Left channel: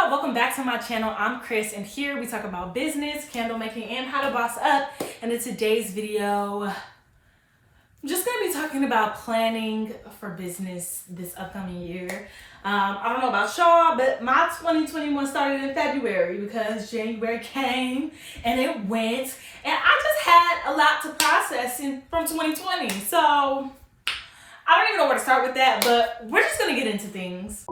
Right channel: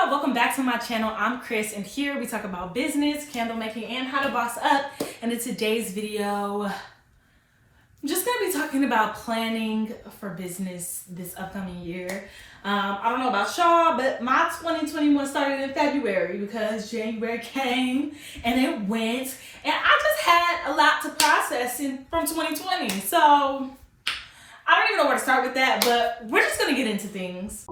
y'all, welcome back to my channel. I'm Krys, and here we talk about business, candle making, and how to boss up. And in today's video, I'm just gonna be talking about planning for business this upcoming year. I don't know about y'all, but my 2021 started in February because January came and it went, and I just had a lot to process from 2020. So I don't even know where to start with that, but we're just gonna get into things.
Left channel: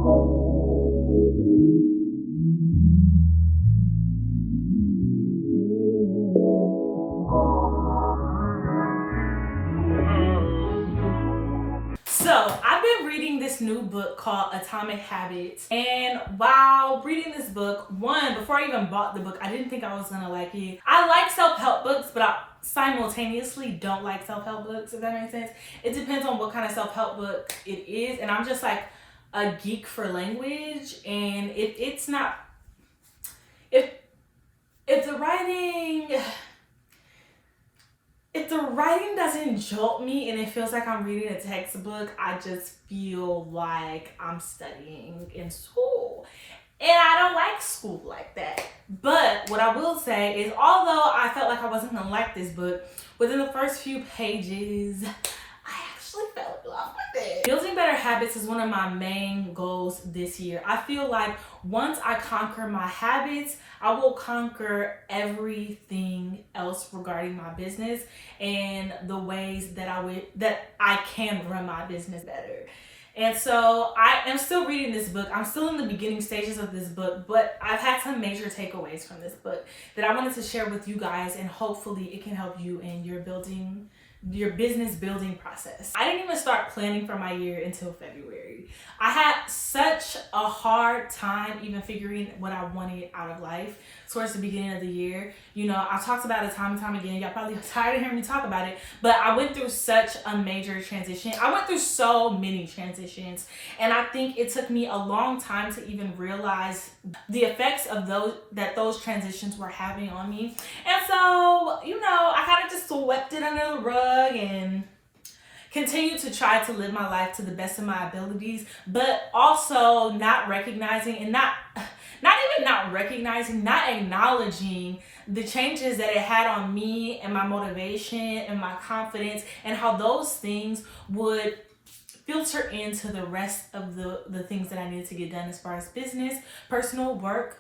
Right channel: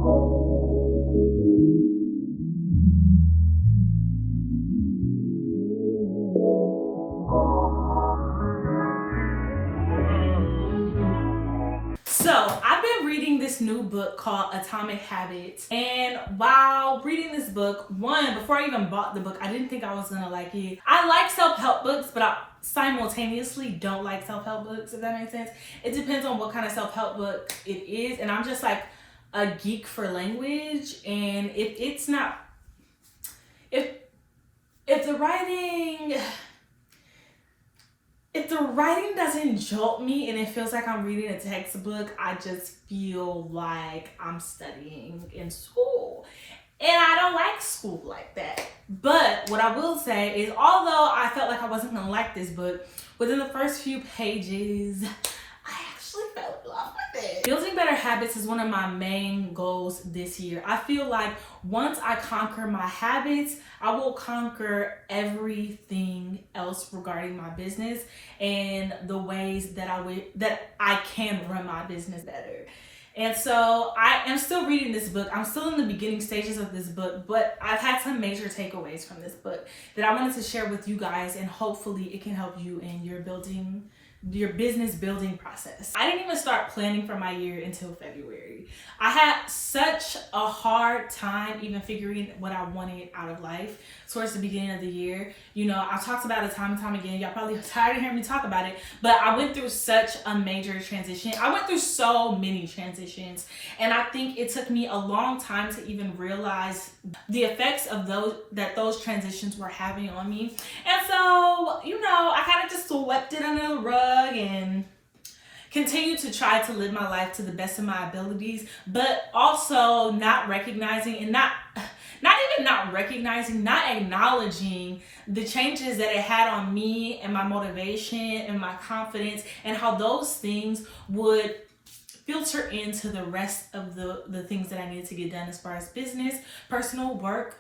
So I've been reading this new book called Atomic Habits, and while reading this book, before I even bought the book, I didn't think I was gonna like it. I like self-help books, but I simultaneously don't like self-help books, if that makes sense. It depends on what kind of self-help book it is, and I'm just like a geek for language, and if the writing doesn't jolt me and it feels like I'm reading a textbook, I just feel like I'm studying in school. And I don't like school like that. But what I will say is, although I felt like I wasn't gonna like this book, within the first few pages, I actually fell in love with it. Building better habits is one of my main goals this year. I feel like once I conquer my habits, I will conquer everything else regarding my business and the ways that I can run my business better. And so I am still reading this book. I'm still in the beginning stages of this book, but I've had some major takeaways from this book that I wanted to share with you guys, and hopefully it can help you in your business building process. I didn't even start planning for my year until February. I had such a hard time even figuring what I wanted out of life towards the beginning of the year. You know, I've talked about it time and time again. Y'all probably tired of hearing me talk about it, but I went through such a major transition. I went through so many transitions, and I think it took me a long time to even realize the effects of those transitions were having on me. And so, you know, I kind of just swept it under the rug and continue to try to live my life to the best of my abilities, but also not acknowledging the changes that it had on me and my motivation and my confidence, and how those things would filter into the rest of the things that I needed to get done as far as business, personal, work,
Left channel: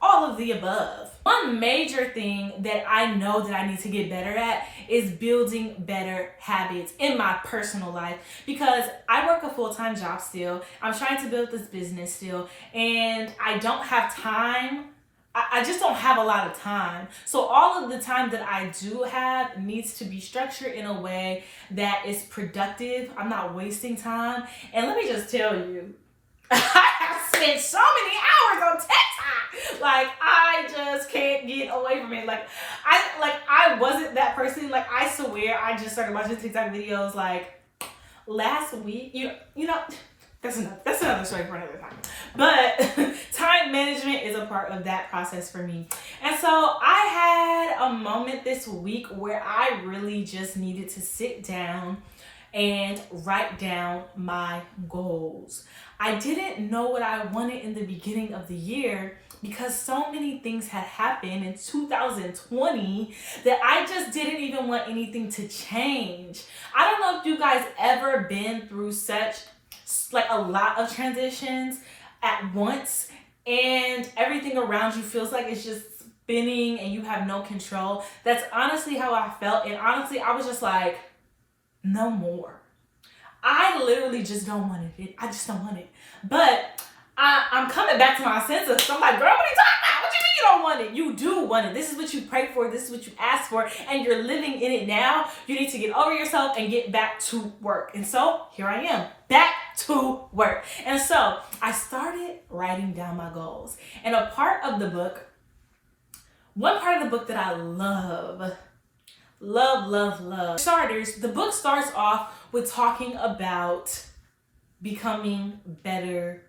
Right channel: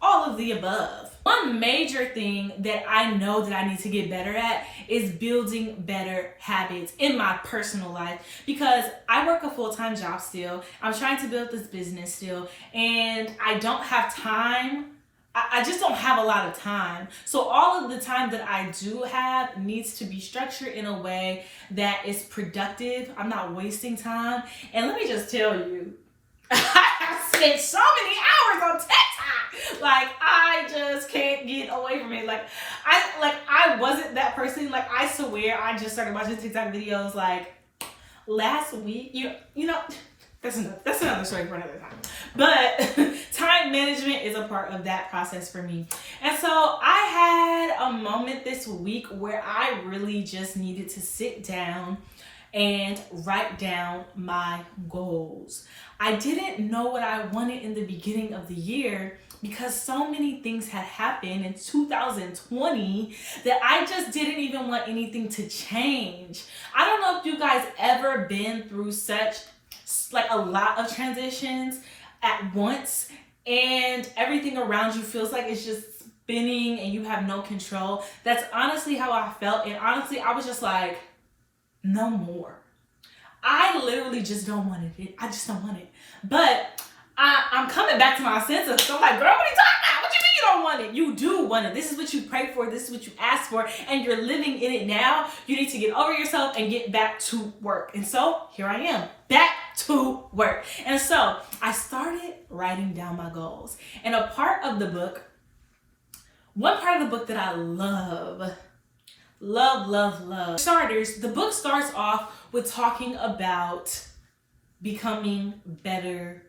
all of the above. One major thing that I know that I need to get better at is building better habits in my personal life, because I work a full-time job still. I'm trying to build this business still, and I don't have time. I just don't have a lot of time. So all of the time that I do have needs to be structured in a way that is productive. I'm not wasting time. And let me just tell you, I have spent so many hours on TikTok. Like, I just can't get away from it. I wasn't that person. Like, I swear I just started watching TikTok videos like last week. You know, that's another story for another time. But time management is a part of that process for me. And so I had a moment this week where I really just needed to sit down and write down my goals. I didn't know what I wanted in the beginning of the year because so many things had happened in 2020 that I just didn't even want anything to change. I don't know if you guys ever been through like a lot of transitions at once, and everything around you feels like it's just spinning and you have no control. That's honestly how I felt, and honestly I was just like, no more. I literally just don't want it. I just don't want it. But I'm coming back to my senses. So I'm like, girl, what are you talking about? What you mean you don't want it? You do want it. This is what you prayed for. This is what you asked for, and you're living in it now. You need to get over yourself and get back to work. And so here I am, back to work. And so I started writing down my goals. And one part of the book that I love. Starters, the book starts off with talking about becoming better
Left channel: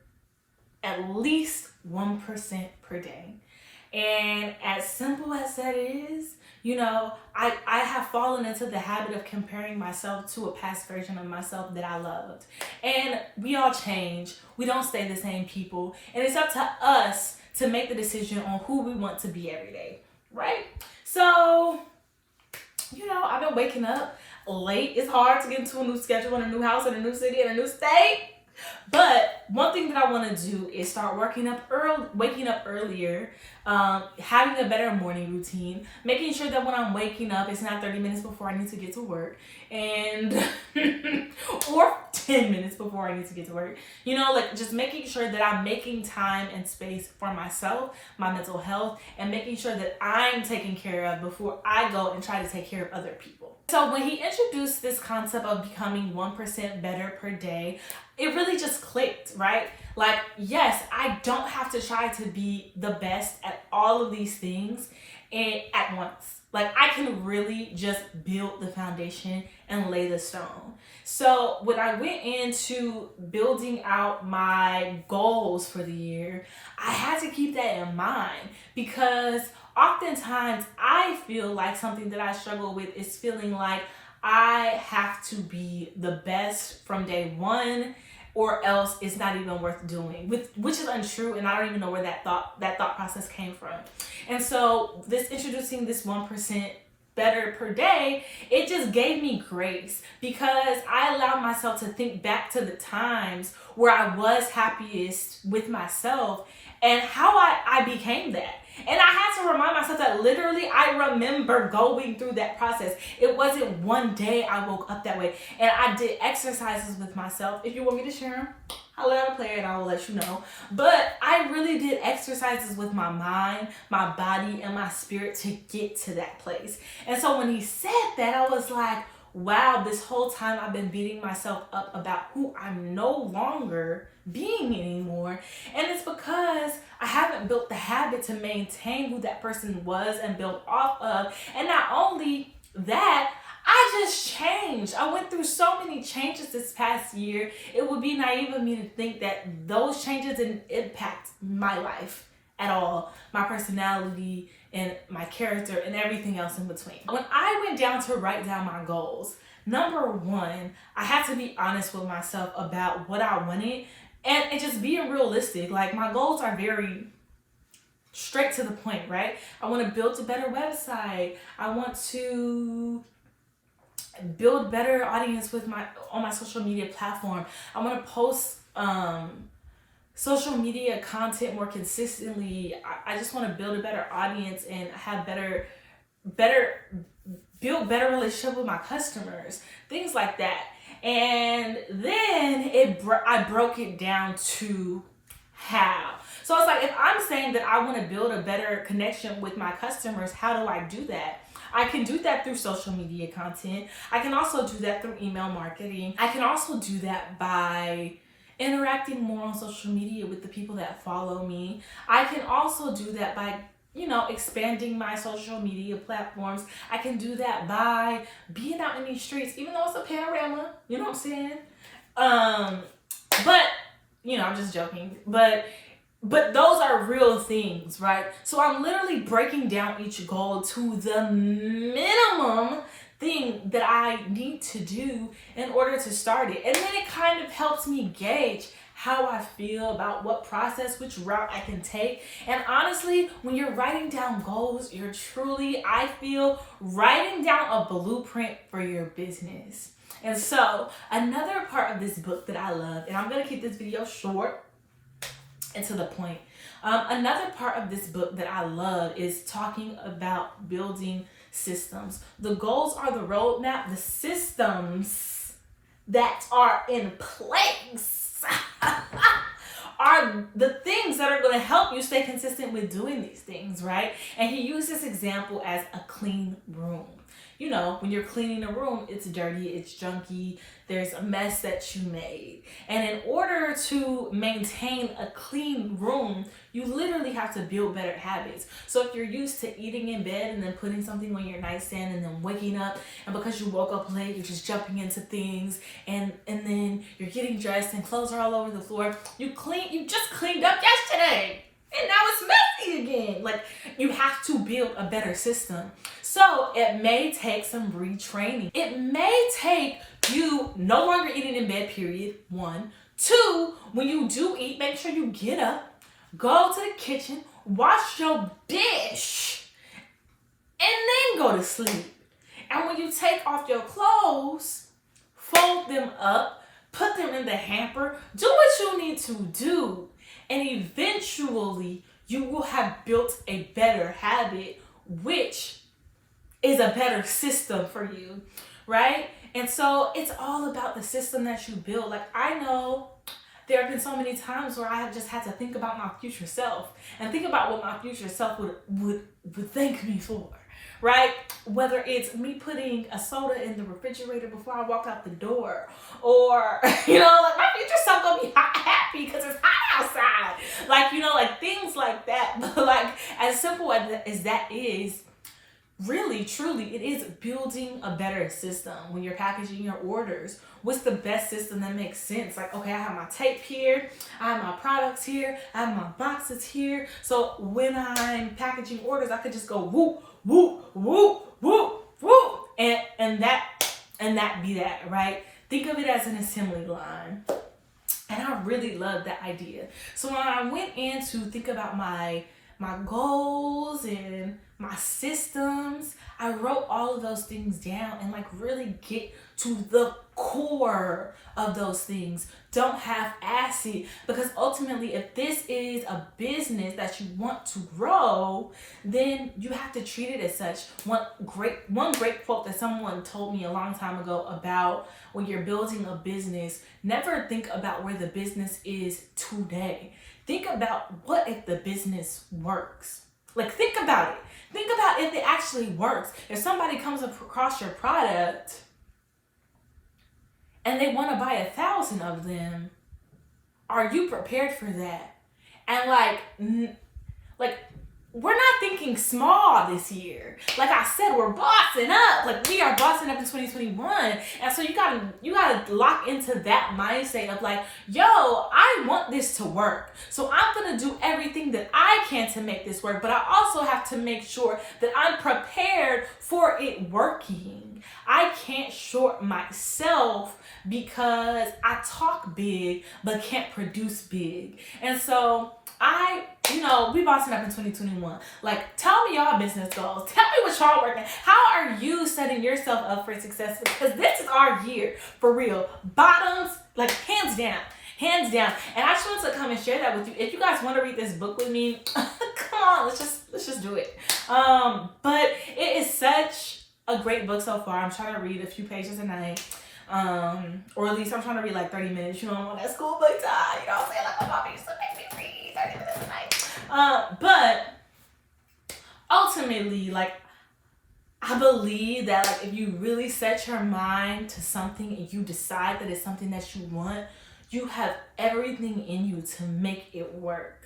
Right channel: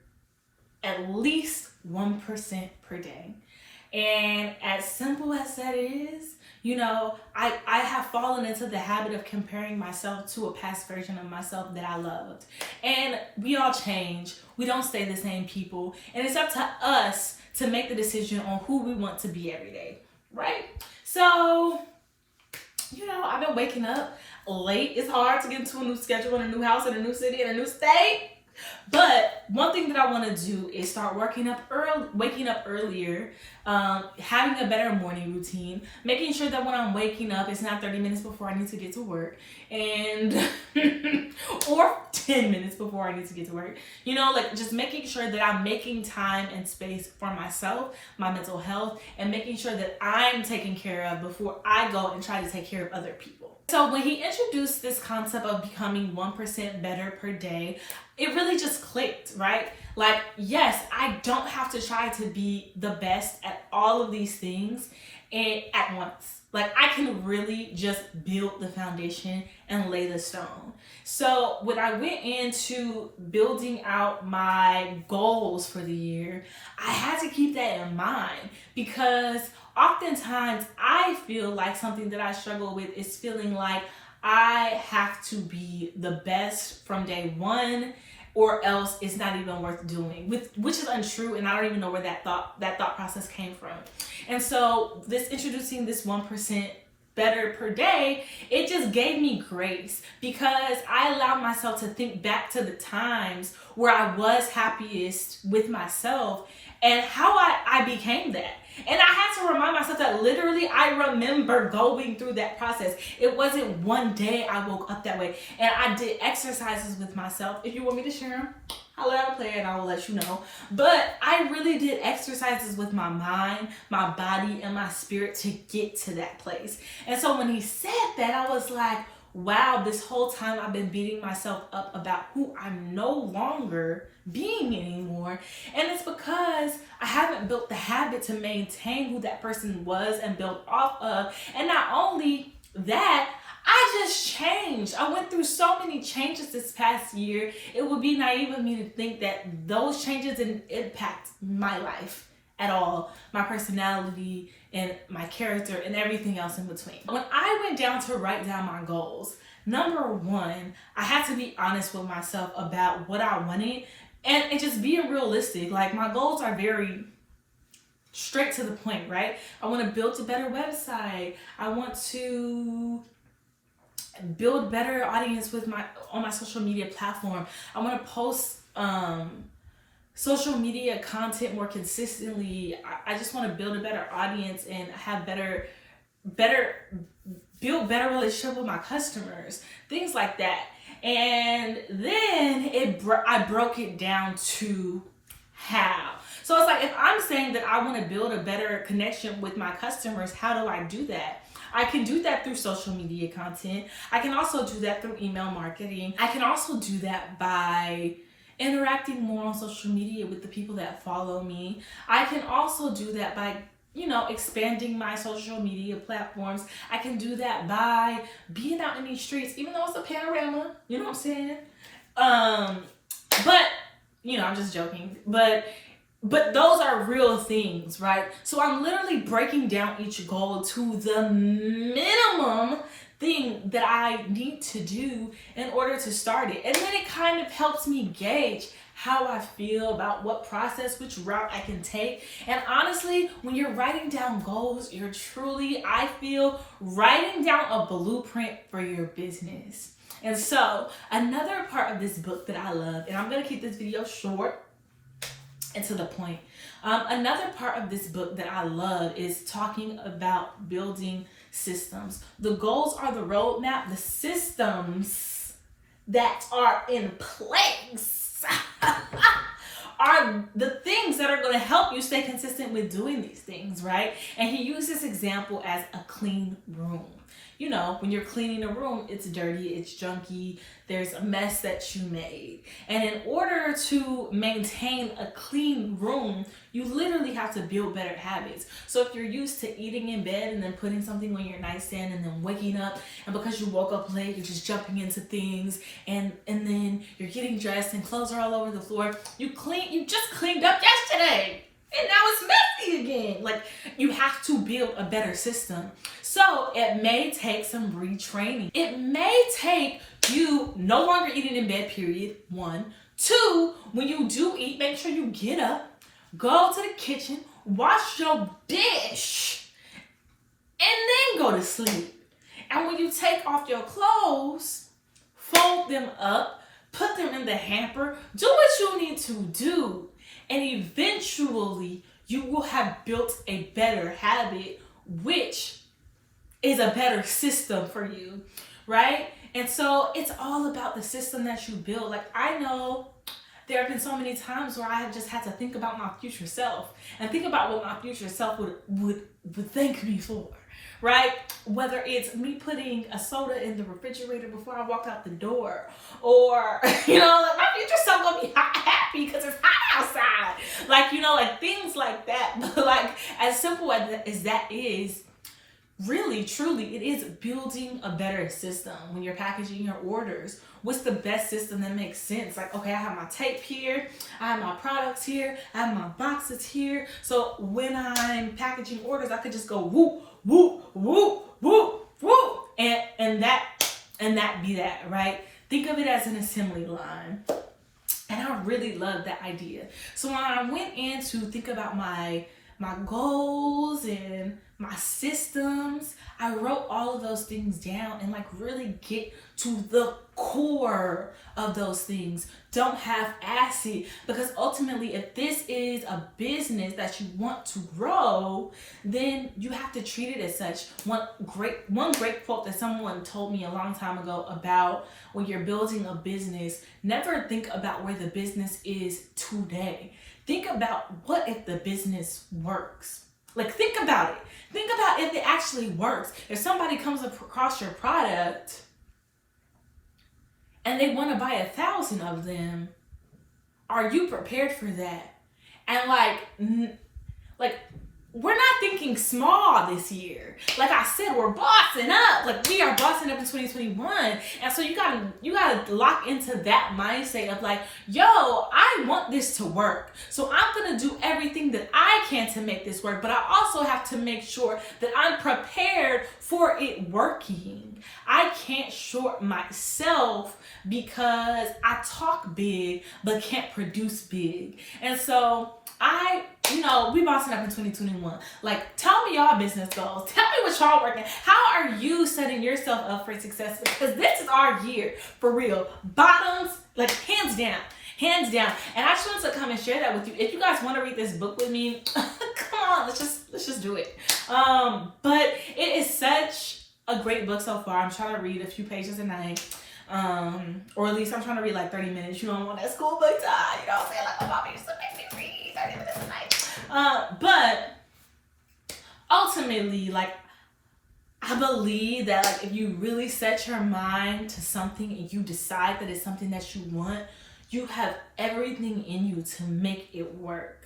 at least 1% per day. And as simple as that is, you know, I have fallen into the habit of comparing myself to a past version of myself that I loved. And we all change. We don't stay the same people. And it's up to us to make the decision on who we want to be every day, right? So, I've been waking up late. It's hard to get into a new schedule in a new house, in a new city, in a new state. But one thing that I want to do is start waking up earlier, having a better morning routine, making sure that when I'm waking up, it's not 30 minutes before I need to get to work, and or 10 minutes before I need to get to work. Just making sure that I'm making time and space for myself, my mental health, and making sure that I'm taken care of before I go and try to take care of other people. So when he introduced this concept of becoming 1% better per day, it really just clicked, right? Like, yes, I don't have to try to be the best at all of these things at once. Like, I can really just build the foundation and lay the stone. So when I went into building out my goals for the year, I had to keep that in mind, because oftentimes I feel like something that I struggle with is feeling like I have to be the best from day one, or else it's not even worth doing, which is untrue, and I don't even know where that thought process came from. And so introducing this 1% better per day, it just gave me grace, because I allowed myself to think back to the times where I was happiest with myself and how I became that. And I had to remind myself that literally I remember going through that process. It wasn't one day I woke up that way. And I did exercises with myself. If you want me to share them, I'll let them play and I will let you know. But I really did exercises with my mind, my body, and my spirit to get to that place. And so when he said that, I was like, wow, this whole time I've been beating myself up about who I'm no longer being anymore. And it's because I haven't built the habit to maintain who that person was and build off of. And not only that, I just changed. I went through so many changes this past year. It would be naive of me to think that those changes didn't impact my life at all, my personality and my character and everything else in between. When I went down to write down my goals, number one, I had to be honest with myself about what I wanted and just being realistic. Like, my goals are very straight to the point, right? I want to build a better website. I want to build better audience on my social media platform. I want to post social media content more consistently. I just want to build a better audience and have build better relationship with my customers, things like that. And then I broke it down to how. So it's like, if I'm saying that I want to build a better connection with my customers, how do I do that? I can do that through social media content. I can also do that through email marketing. I can also do that by interacting more on social media with the people that follow me. I can also do that by, expanding my social media platforms. I can do that by being out in these streets, even though it's a panorama, you know what I'm saying? But, I'm just joking. But those are real things, right? So I'm literally breaking down each goal to the minimum thing that I need to do in order to start it. And then it kind of helps me gauge how I feel about what process, which route I can take. And honestly, when you're writing down goals, you're truly, I feel, writing down a blueprint for your business. And so another part of this book that I love, and I'm going to keep this video short and to the point. Another part of this book that I love is talking about building systems. The goals are the roadmap. The systems that are in place are the things that are going to help you stay consistent with doing these things, right? And he used this example as a clean room. When you're cleaning a room, it's dirty, it's junky, there's a mess that you made. And in order to maintain a clean room, you literally have to build better habits. So if you're used to eating in bed and then putting something on your nightstand and then waking up, and because you woke up late, you're just jumping into things, and then you're getting dressed and clothes are all over the floor. You just cleaned up yesterday, and now it's messy again. Like, you have to build a better system. So it may take some retraining. It may take you no longer eating in bed, period, 1. 2, when you do eat, make sure you get up, go to the kitchen, wash your dish, and then go to sleep. And when you take off your clothes, fold them up, put them in the hamper, do what you need to do. And eventually, you will have built a better habit, which is a better system for you, right? And so it's all about the system that you build. Like, I know there have been so many times where I have just had to think about my future self and think about what my future self would thank me for, right? Whether it's me putting a soda in the refrigerator before I walk out the door, or, you know, like my future self gonna be happy because it's hot outside. Like, you know, like things like that. But like, as simple as that is, really, truly, it is building a better system when you're packaging your orders. What's the best system that makes sense? Like, okay, I have my tape here, I have my products here, I have my boxes here. So when I'm packaging orders, I could just go whoop, whoop, whoop, whoop, whoop, and that be that, right? Think of it as an assembly line. And I really love that idea. So when I went in to think about my goals and my systems, I wrote all of those things down and like really get to the core of those things. Don't half-ass it, because ultimately, if this is a business that you want to grow, then you have to treat it as such. One great quote that someone told me a long time ago about when you're building a business, never think about where the business is today. Think about what if the business works. Like, think about it. Think about if it actually works. If somebody comes across your product and they want to buy 1,000 of them, are you prepared for that? And like we're not thinking small this year. Like I said, we're bossing up. Like, we are bossing up in 2021. And so you gotta lock into that mindset of like, yo, I want this to work. So I'm gonna do everything that I can to make this work. But I also have to make sure that I'm prepared for it working. I can't short myself because I talk big but can't produce big. And so we bossing up in 2021. Like, tell me y'all business goals. Tell me what y'all working. How are you setting yourself up for success? Because this is our year, for real. Bottoms, like, hands down. Hands down. And I just wanted to come and share that with you. If you guys want to read this book with me, come on, let's just do it. But it is such a great book so far. I'm trying to read a few pages a night. Or at least I'm trying to read like 30 minutes. You know, I'm on that school book time. You know what I'm saying? Like, my mom used to make me read 30 minutes a night. But ultimately, like, I believe that, like, if you really set your mind to something and you decide that it's something that you want, you have everything in you to make it work.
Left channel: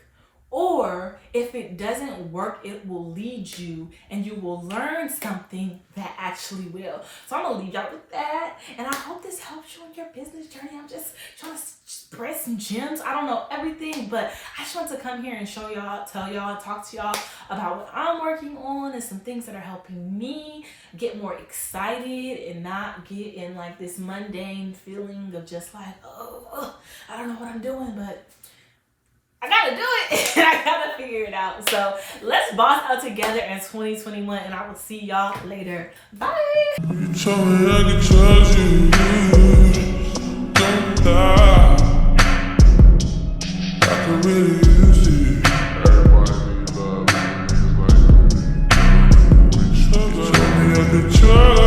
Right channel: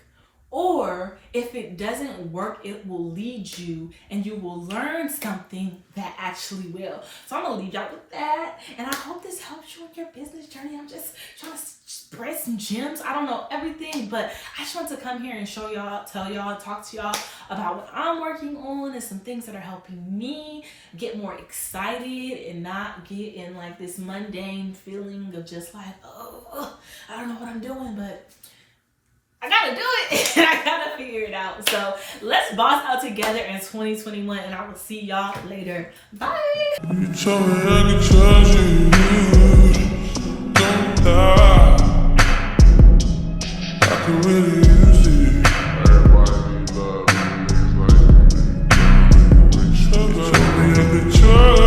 Or if it doesn't work, it will lead you and you will learn something that actually will. So I'm gonna leave y'all with that. And I hope this helps you in your business journey. I'm just trying to spread some gems. I don't know everything, but I just want to come here and show y'all, tell y'all, talk to y'all about what I'm working on and some things that are helping me get more excited and not get in like this mundane feeling of just like, oh, I don't know what I'm doing, but I gotta do it and I gotta figure it out. So let's boss out together in 2021 and I will see y'all later. Bye. You told me I could trust you. Don't die. I could really use it. Everybody need love, niggas like me. You told me I could trust.